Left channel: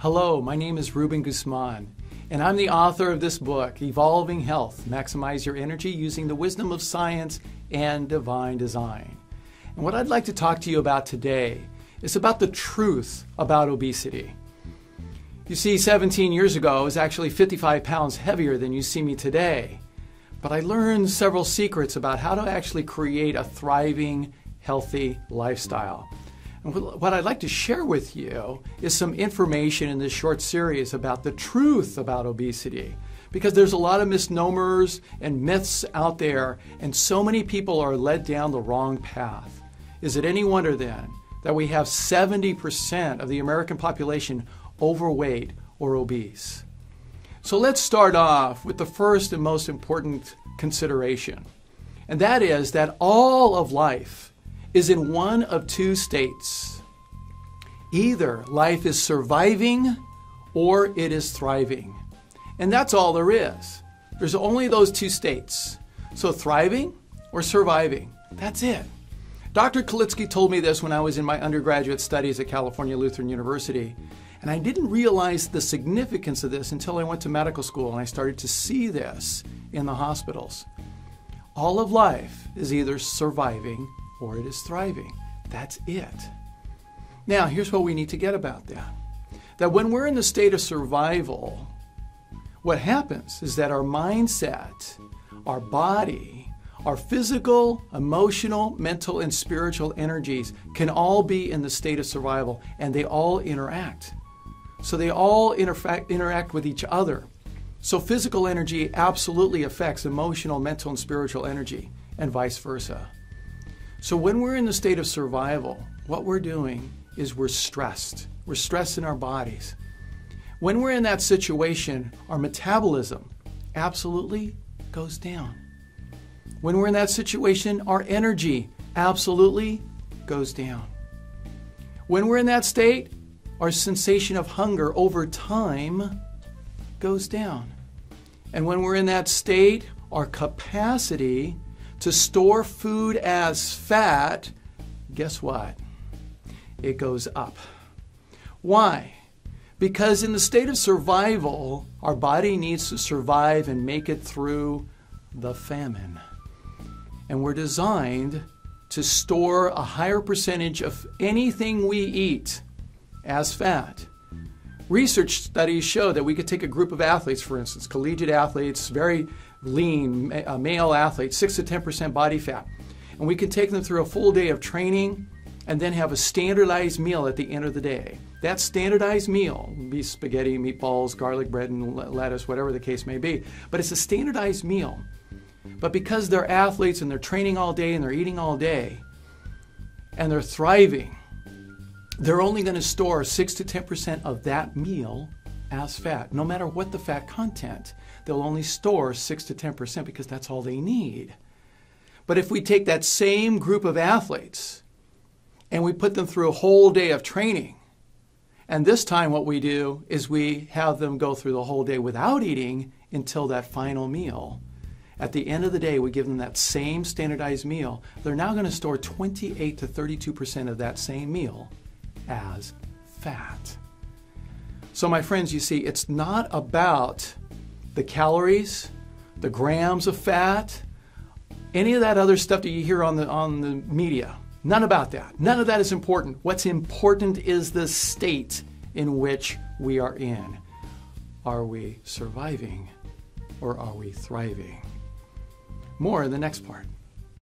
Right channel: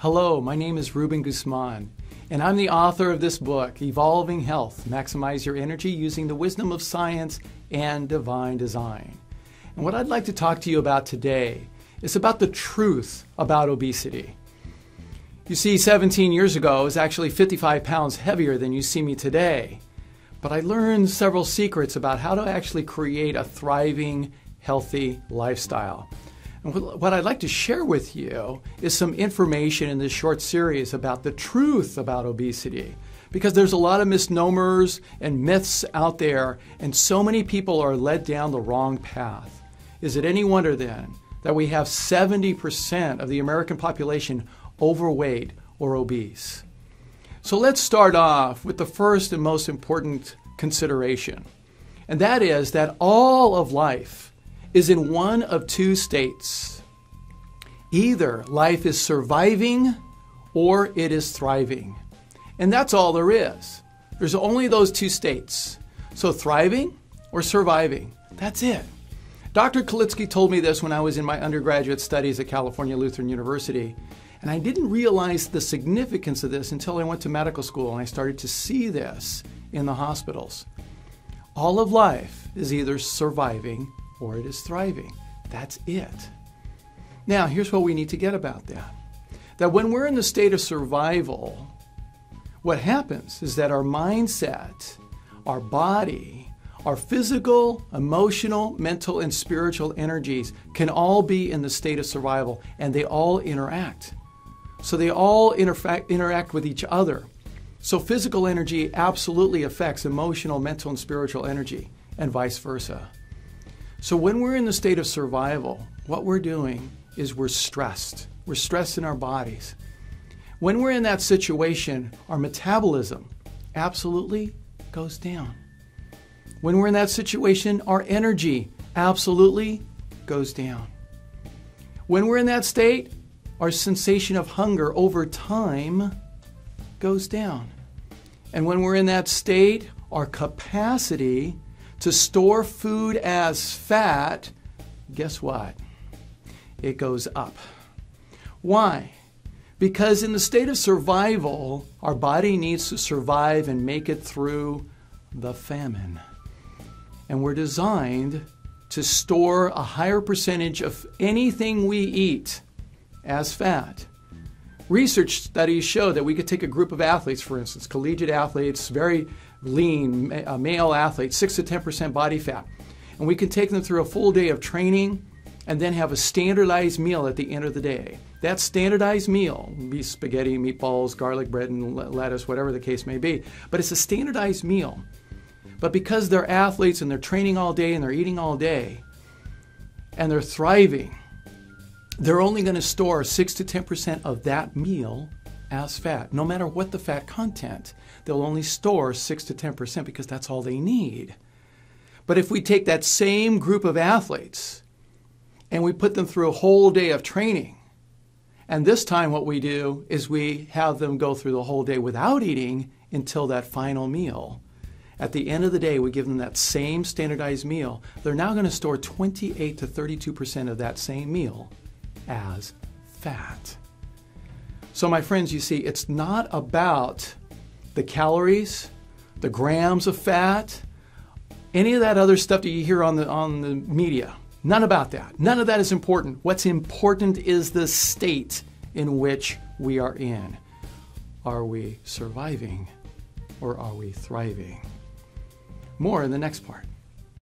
Hello, my name is Ruben Guzman, and I'm the author of this book, Evolving Health, Maximize Your Energy Using the Wisdom of Science and Divine Design. And what I'd like to talk to you about today is about the truth about obesity. You see, 17 years ago, I was actually 55 pounds heavier than you see me today. But I learned several secrets about how to actually create a thriving, healthy lifestyle. And what I'd like to share with you is some information in this short series about the truth about obesity. Because there's a lot of misnomers and myths out there, and so many people are led down the wrong path. Is it any wonder then that we have 70% of the American population overweight or obese? So let's start off with the first and most important consideration, and that is that all of life is in one of two states. Either life is surviving or it is thriving. And that's all there is. There's only those two states. So thriving or surviving. That's it. Dr. Kalitsky told me this when I was in my undergraduate studies at California Lutheran University. And I didn't realize the significance of this until I went to medical school and I started to see this in the hospitals. All of life is either surviving or it is thriving. That's it. Now, here's what we need to get about that. That when we're in the state of survival, what happens is that our mindset, our body, our physical, emotional, mental, and spiritual energies can all be in the state of survival, and they all interact. So they all interact with each other. So physical energy absolutely affects emotional, mental, and spiritual energy, and vice versa. So when we're in the state of survival, what we're doing is we're stressed. We're stressed in our bodies. When we're in that situation, our metabolism absolutely goes down. When we're in that situation, our energy absolutely goes down. When we're in that state, our sensation of hunger over time goes down. And when we're in that state, our capacity to store food as fat, guess what? It goes up. Why? Because in the state of survival, our body needs to survive and make it through the famine. And we're designed to store a higher percentage of anything we eat as fat. Research studies show that we could take a group of athletes, for instance, collegiate athletes, very lean male athletes, 6 to 10% body fat, and we could take them through a full day of training and then have a standardized meal at the end of the day. That standardized meal would be spaghetti, meatballs, garlic bread, and lettuce, whatever the case may be, but it's a standardized meal. But because they're athletes and they're training all day and they're eating all day and they're thriving, they're only going to store 6 to 10% of that meal as fat. No matter what the fat content, they'll only store 6 to 10% because that's all they need. But if we take that same group of athletes and we put them through a whole day of training, and this time what we do is we have them go through the whole day without eating until that final meal. At the end of the day, we give them that same standardized meal. They're now going to store 28 to 32% of that same meal as fat. So my friends, you see, it's not about the calories, the grams of fat, any of that other stuff that you hear on the media. None about that. None of that is important. What's important is the state in which we are in. Are we surviving or are we thriving? More in the next part.